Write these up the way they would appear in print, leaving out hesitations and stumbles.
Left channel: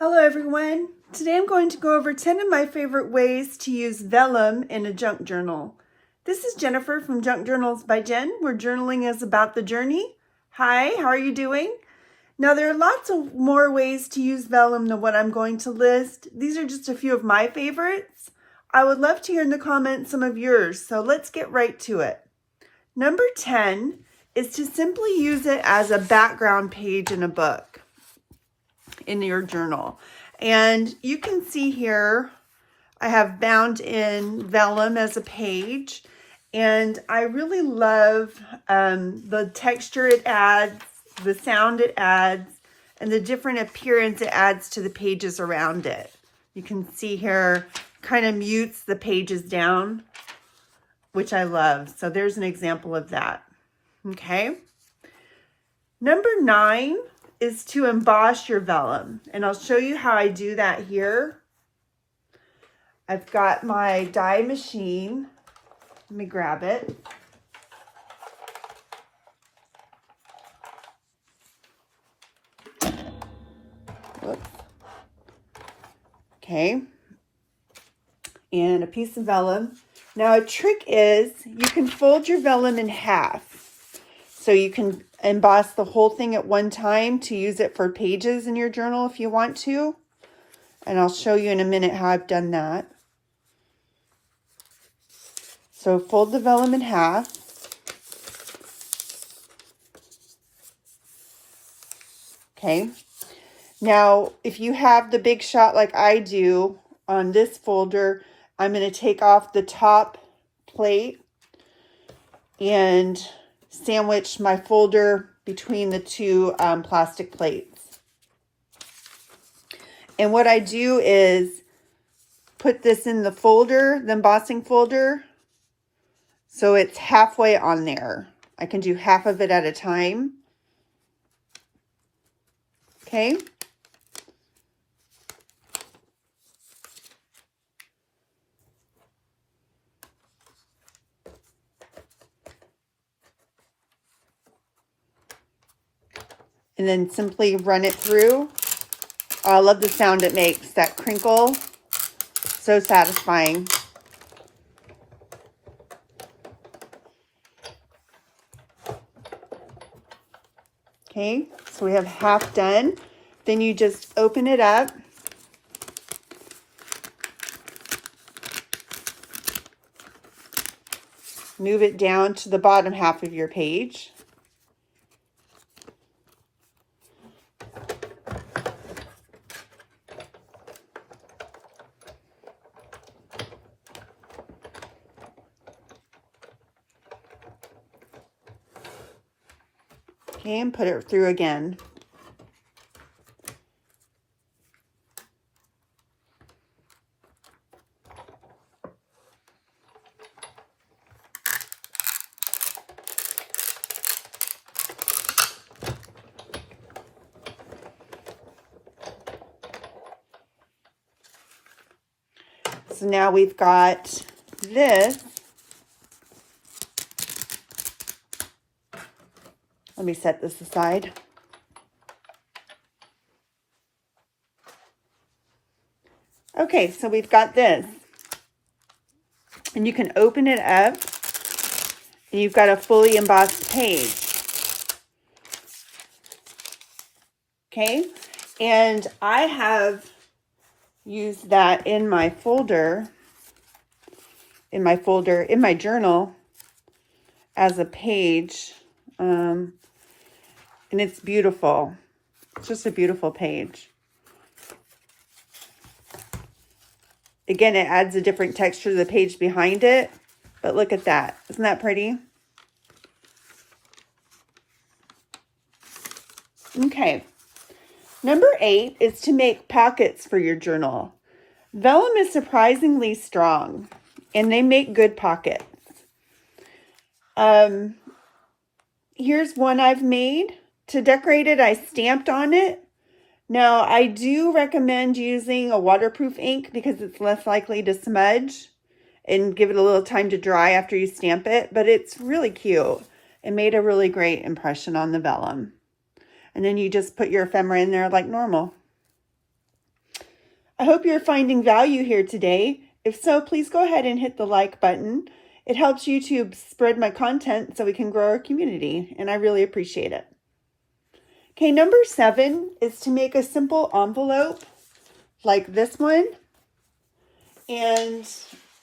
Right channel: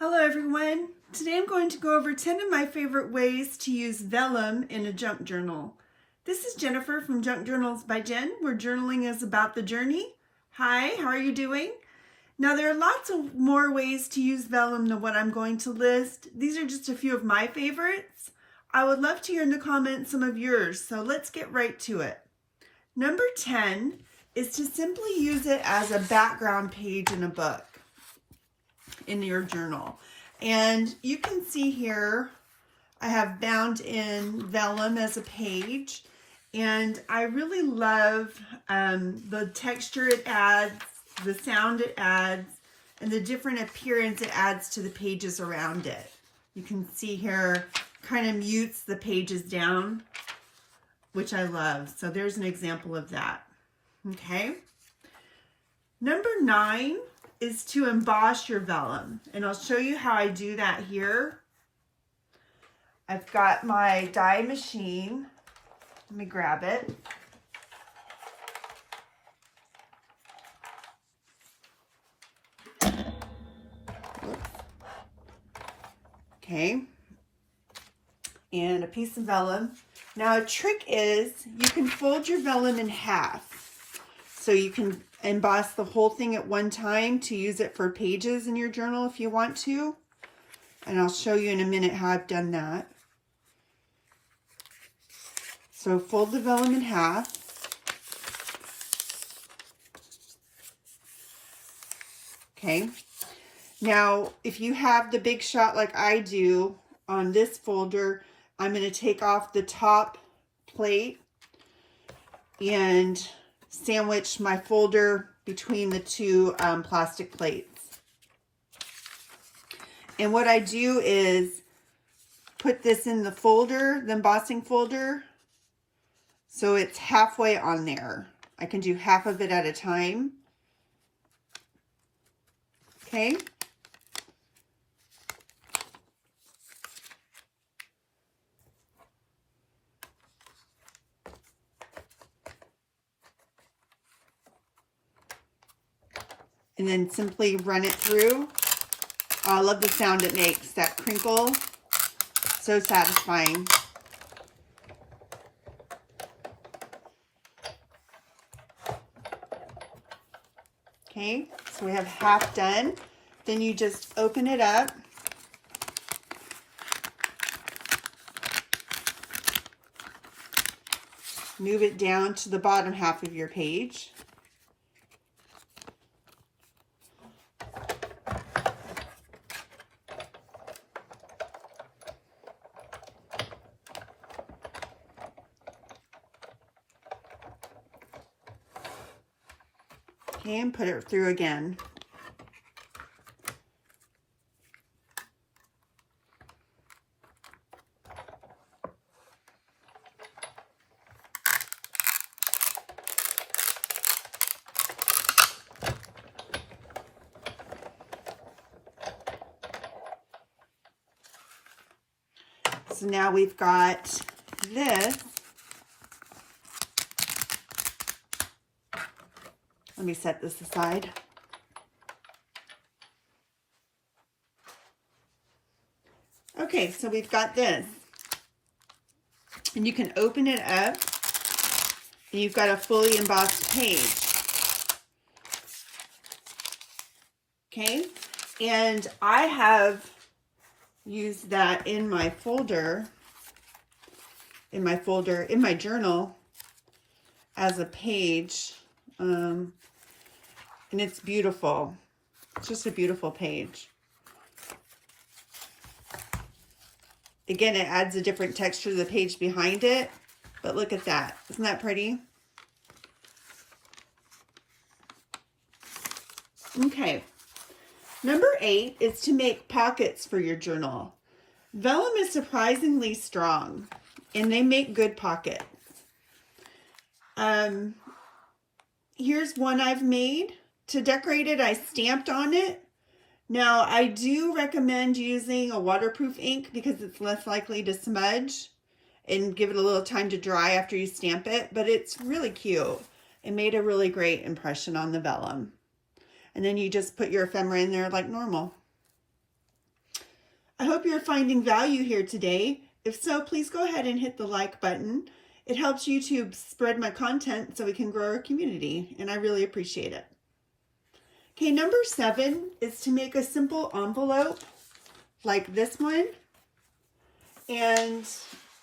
Hello everyone. Today I'm going to go over 10 of my favorite ways to use vellum in a junk journal. This is Jennifer from Junk Journals by Jen, where journaling is about the journey. Hi, how are you doing? Now there are lots of more ways to use vellum than what I'm going to list. These are just a few of my favorites. I would love to hear in the comments some of yours, so let's get right to it. Number 10 is to simply use it as a background page in a book, in your journal. And you can see here, I have bound in vellum as a page, and I really love the texture it adds, the sound it adds, and the different appearance it adds to the pages around it. You can see here, kind of mutes the pages down, which I love. So there's an example of that. Okay. Number 9 is to emboss your vellum, and I'll show you how I do that here. I've got my die machine. Let me grab it. Whoops. Okay, and a piece of vellum. Now a trick is you can fold your vellum in half, so you can emboss the whole thing at one time to use it for pages in your journal if you want to. And I'll show you in a minute how I've done that. So fold the vellum in half. Okay. Now, if you have the big shot like I do on this folder, I'm going to take off the top plate and sandwich my folder between the two plastic plates. And what I do is put this in the folder, the embossing folder, so it's halfway on there. I can do half of it at a time. Okay. And then simply run it through. Oh, I love the sound it makes, that crinkle. So satisfying. Okay, so we have half done. Then you just open it up. Move it down to the bottom half of your page. Okay, and put it through again. So now we've got this. Let me set this aside. Okay, so we've got this. And you can open it up, and you've got a fully embossed page. Okay, and I have used that in my folder, in my journal as a page. And it's beautiful. It's just a beautiful page. Again, it adds a different texture to the page behind it, but look at that. Isn't that pretty? Okay. Number 8 is to make pockets for your journal. Vellum is surprisingly strong, and they make good pockets. Here's one I've made. To decorate it, I stamped on it. Now, I do recommend using a waterproof ink because it's less likely to smudge and give it a little time to dry after you stamp it, but it's really cute. It made a really great impression on the vellum. And then you just put your ephemera in there like normal. I hope you're finding value here today. If so, please go ahead and hit the like button. It helps YouTube spread my content so we can grow our community, and I really appreciate it. Okay, number 7 is to make a simple envelope like this one. And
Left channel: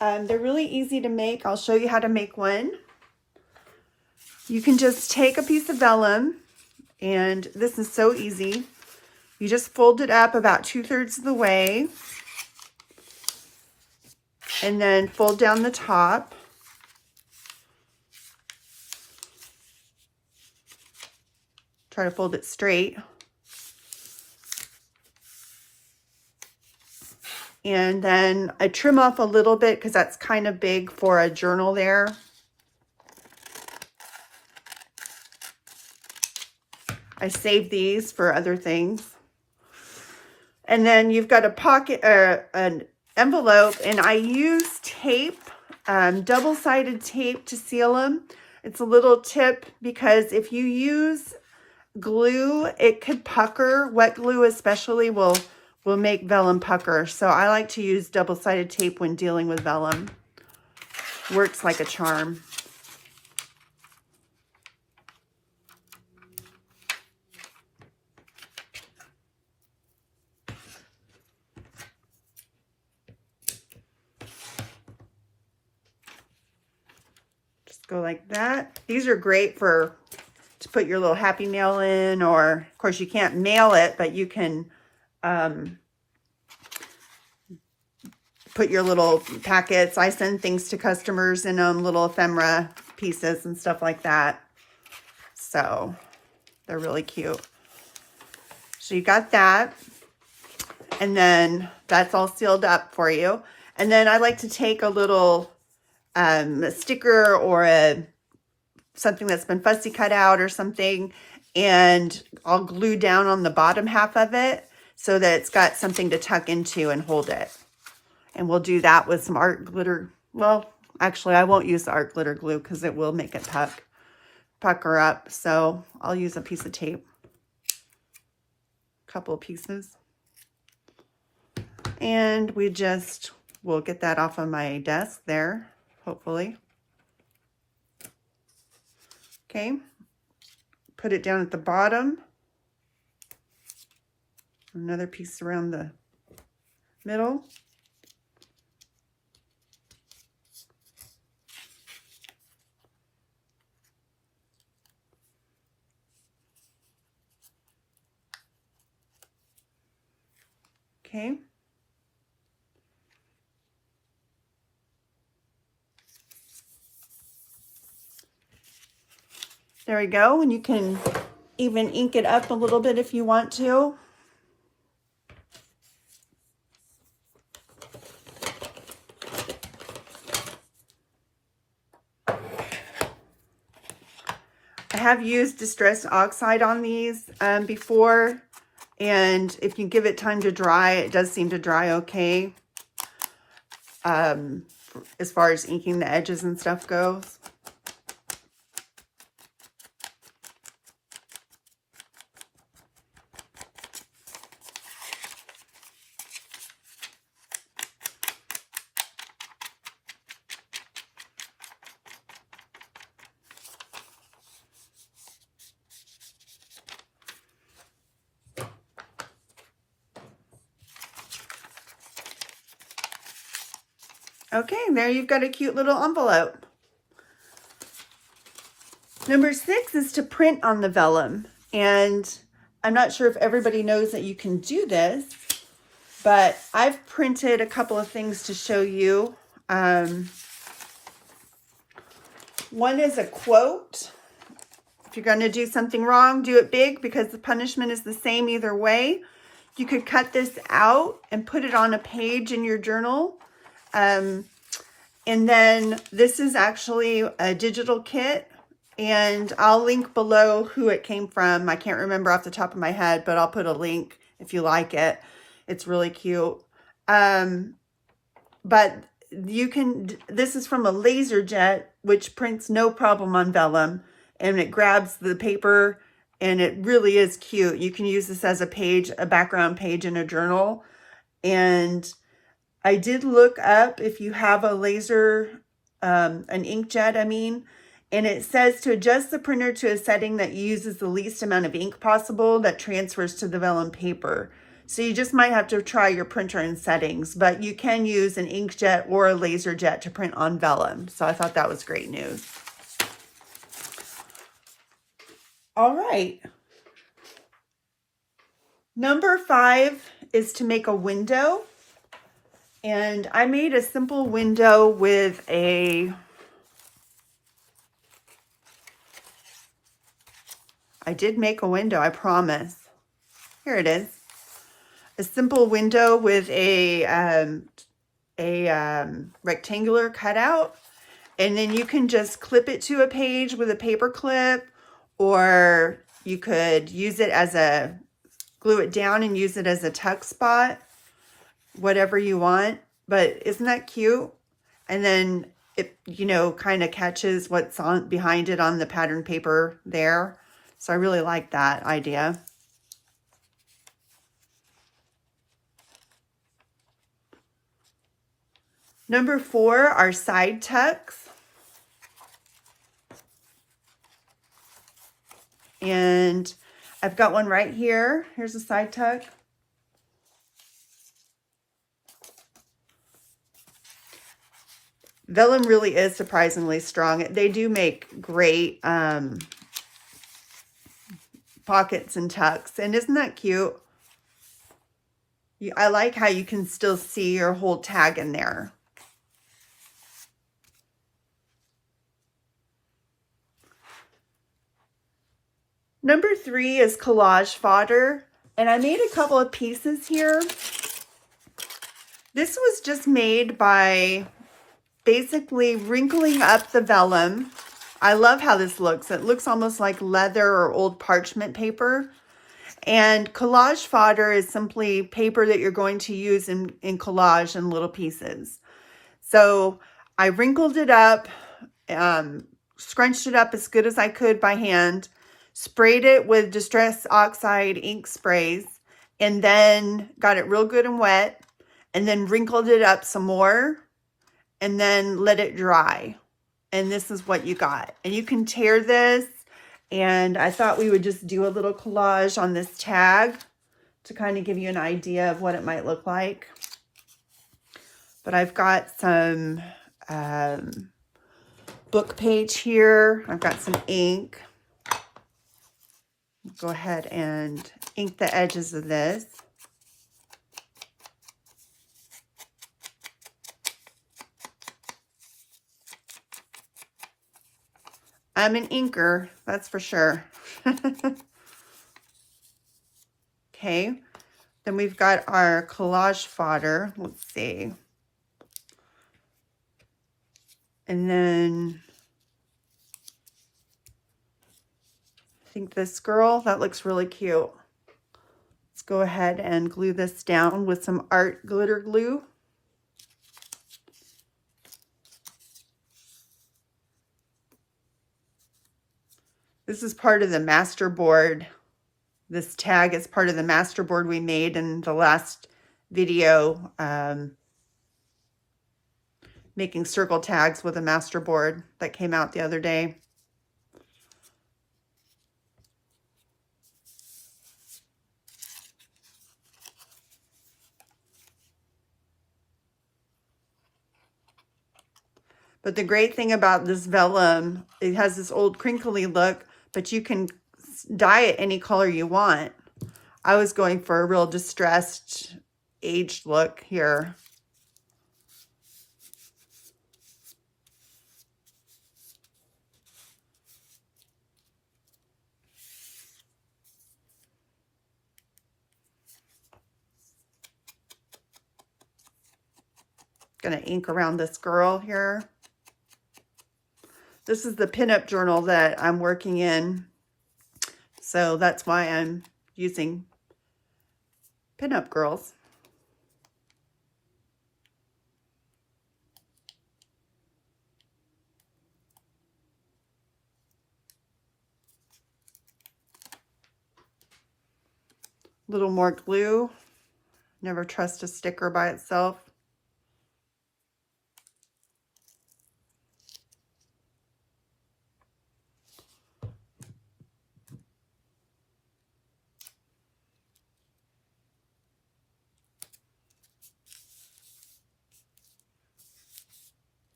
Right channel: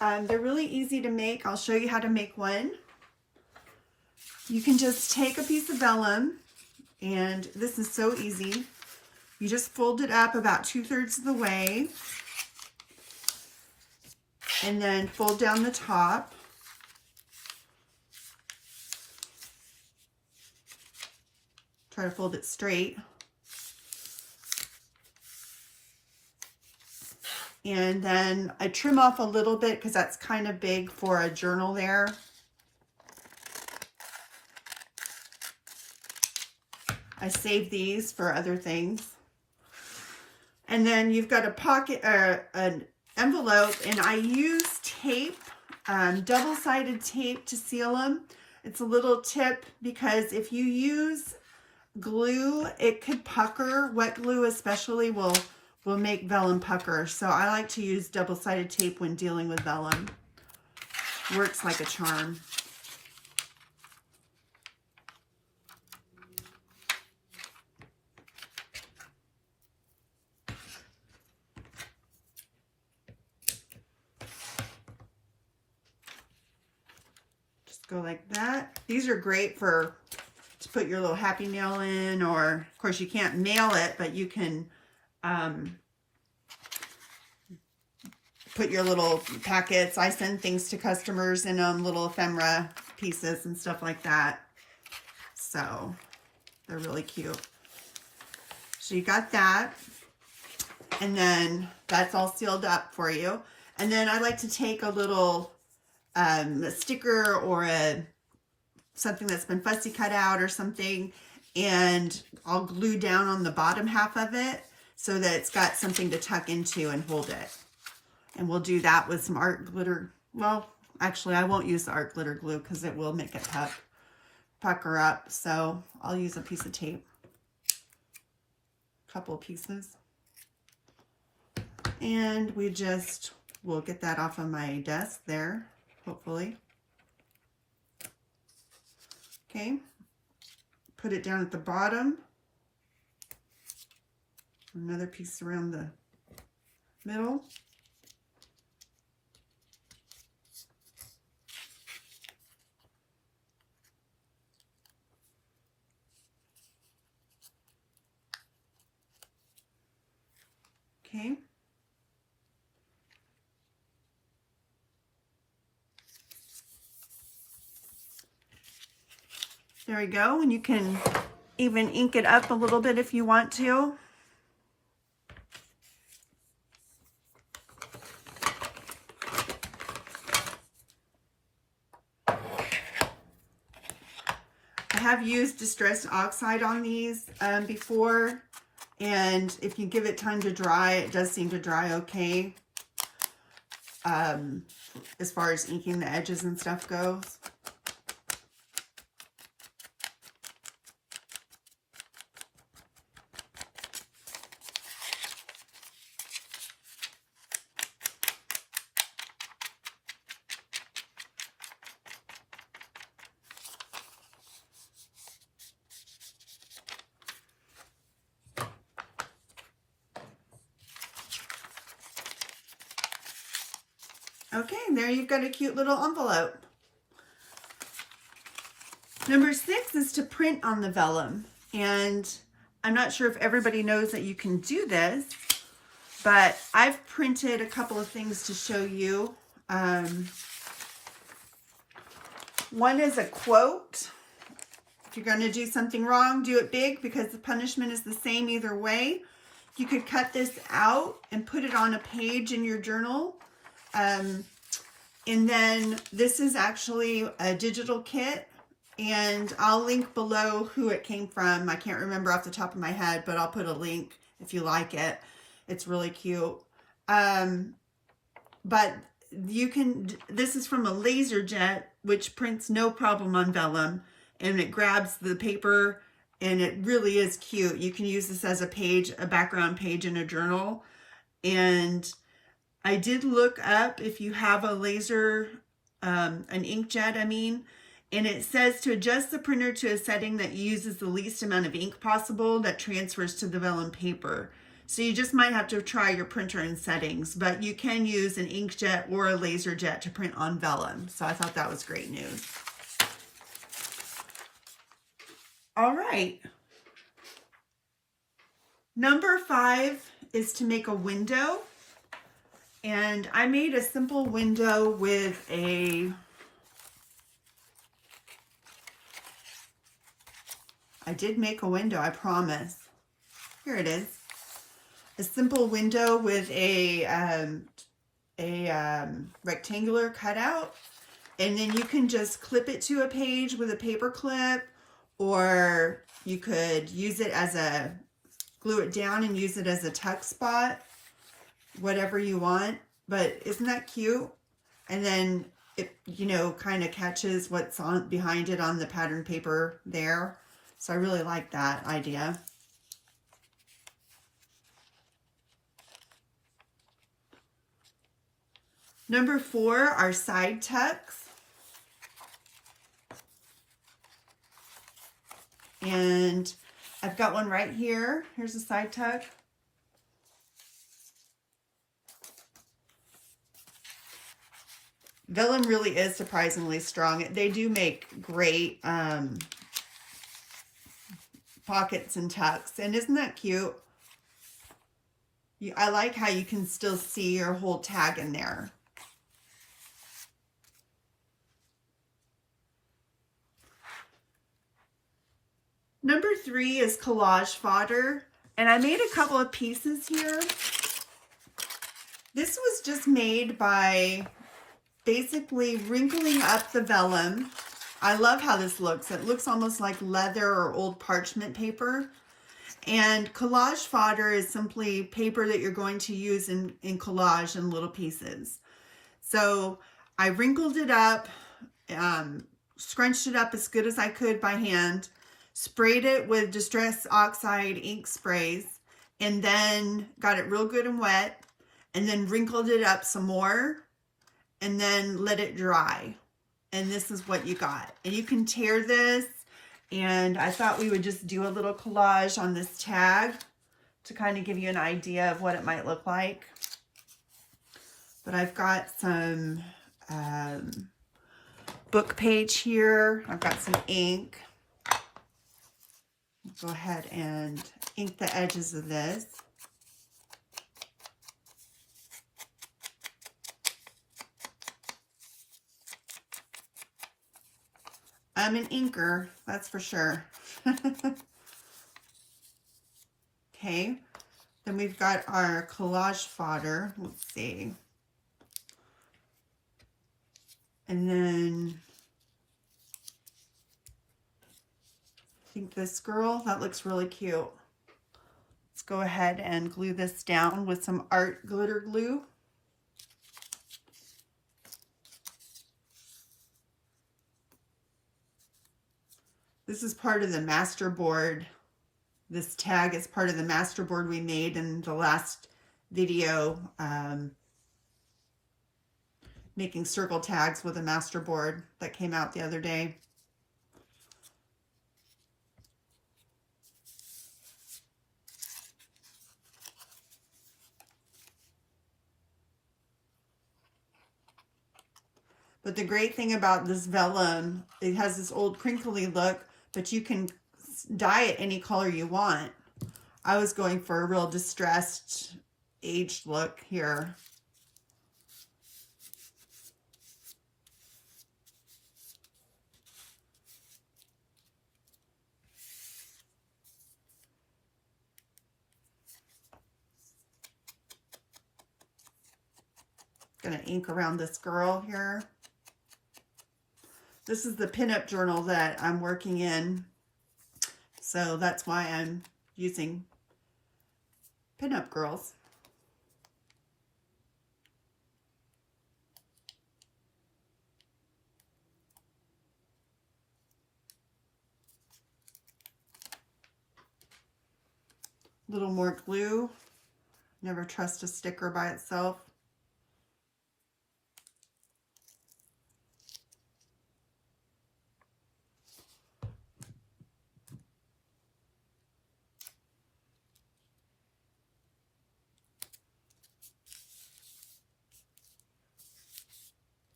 they're really easy to make. I'll show you how to make one. You can just take a piece of vellum, and this is so easy. You just fold it up about 2/3 of the way, and then fold down the top. Try to fold it straight. And then I trim off a little bit because that's kind of big for a journal there. I save these for other things. And then you've got a pocket, an envelope, and I use tape, double-sided tape to seal them. It's a little tip because if you use glue, it could pucker. Wet glue especially will make vellum pucker. So I like to use double-sided tape when dealing with vellum. Works like a charm. Just go like that. These are great to put your little happy mail in, or of course you can't mail it, but you can put your little packets. I send things to customers in them, little ephemera pieces and stuff like that. So they're really cute. So you got that. And then that's all sealed up for you. And then I like to take a little sticker or something that's been fussy cut out or something, and I'll glue down on the bottom half of it so that it's got something to tuck into and hold it. And we'll do that with some art glitter. Well, actually, I won't use the art glitter glue because it will make it pucker up. So I'll use a piece of tape, a couple of pieces. And we'll get that off of my desk there, hopefully. Okay, put it down at the bottom. Another piece around the middle. Okay. There we go, and you can even ink it up a little bit if you want to. I have used distressed oxide on these before, and if you give it time to dry, it does seem to dry okay as far as inking the edges and stuff goes. Okay, there you've got a cute little envelope. Number 6 is to print on the vellum. And I'm not sure if everybody knows that you can do this, but I've printed a couple of things to show you. One is a quote. If you're going to do something wrong, do it big because the punishment is the same either way. You could cut this out and put it on a page in your journal. And then this is actually a digital kit, and I'll link below who it came from. I can't remember off the top of my head, but I'll put a link if you like it. It's really cute. But you can, this is from a laser jet, which prints no problem on vellum, and it grabs the paper, and it really is cute. You can use this as a page, a background page in a journal. And I did look up if you have a laser, an inkjet, I mean, and it says to adjust the printer to a setting that uses the least amount of ink possible that transfers to the vellum paper. So you just might have to try your printer in settings, but you can use an inkjet or a laser jet to print on vellum. So I thought that was great news. All right. Number 5 is to make a window. And I made a simple window with I did make a window, I promise. Here it is. A simple window with a rectangular cutout. And then you can just clip it to a page with a paper clip, or you could use it as glue it down and use it as a tuck spot, whatever you want. But isn't that cute? And then it, you know, kind of catches what's on behind it on the pattern paper there. So I really like that idea. Number 4 are side tucks. And I've got one right here. Here's a side tuck. Vellum really is surprisingly strong. They do make great pockets and tucks. And isn't that cute? I like how you can still see your whole tag in there. Number 3 is collage fodder. And I made a couple of pieces here. This was just made by basically wrinkling up the vellum. I love how this looks. It looks almost like leather or old parchment paper. And collage fodder is simply paper that you're going to use in collage in little pieces. So I wrinkled it up, scrunched it up as good as I could by hand, sprayed it with Distress Oxide ink sprays, and then got it real good and wet, and then wrinkled it up some more, and then let it dry. And this is what you got. And you can tear this, and I thought we would just do a little collage on this tag to kind of give you an idea of what it might look like. But I've got some book page here. I've got some ink. Go ahead and ink the edges of this. I'm an inker, that's for sure. Okay, then we've got our collage fodder. Let's see. And then I think this girl, that looks really cute. Let's go ahead and glue this down with some art glitter glue. This is part of the master board. This tag is part of the master board we made in the last video, making circle tags with a master board that came out the other day. But the great thing about this vellum, it has this old crinkly look, but you can dye it any color you want. I was going for a real distressed, aged look here. Gonna ink around this girl here. This is the pinup journal that I'm working in, so that's why I'm using pinup girls. A little more glue, Never trust a sticker by itself.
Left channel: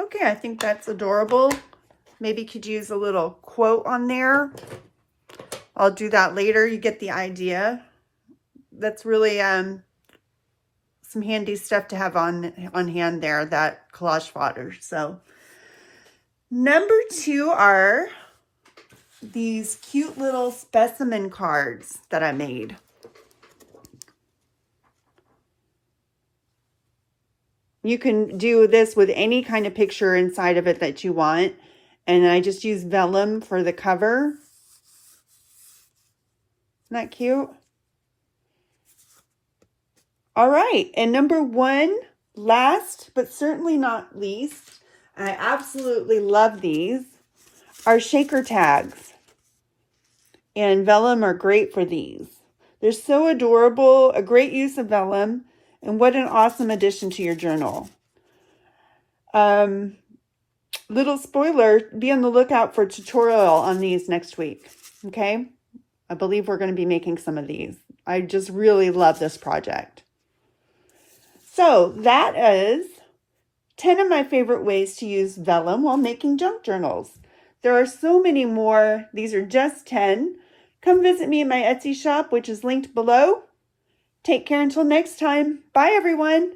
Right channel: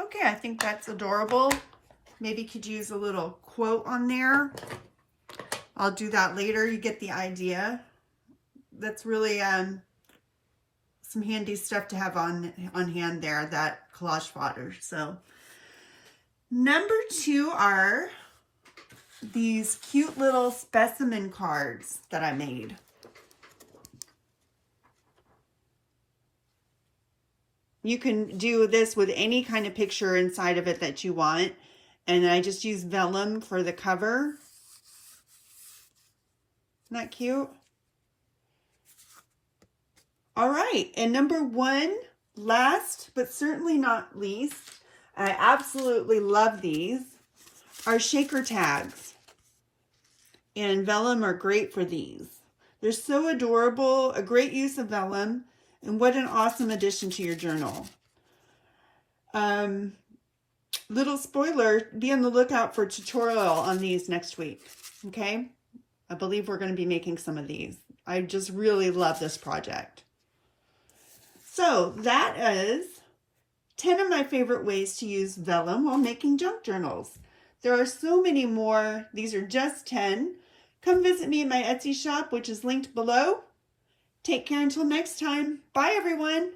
Okay, I think that's adorable. Maybe could use a little quote on there. I'll do that later. You get the idea. That's really some handy stuff to have on hand there, that collage fodder. So number 2 are these cute little specimen cards that I made. You can do this with any kind of picture inside of it that you want. And I just use vellum for the cover. Isn't that cute? All right, and number 1, last but certainly not least, I absolutely love these, are shaker tags. And vellum are great for these. They're so adorable, a great use of vellum, and what an awesome addition to your journal. Little spoiler, be on the lookout for a tutorial on these next week, okay? I believe we're going to be making some of these. I just really love this project. So that is 10 of my favorite ways to use vellum while making junk journals. There are so many more. These are just 10. Come visit me in my Etsy shop, which is linked below. Take care until next time. Bye, everyone.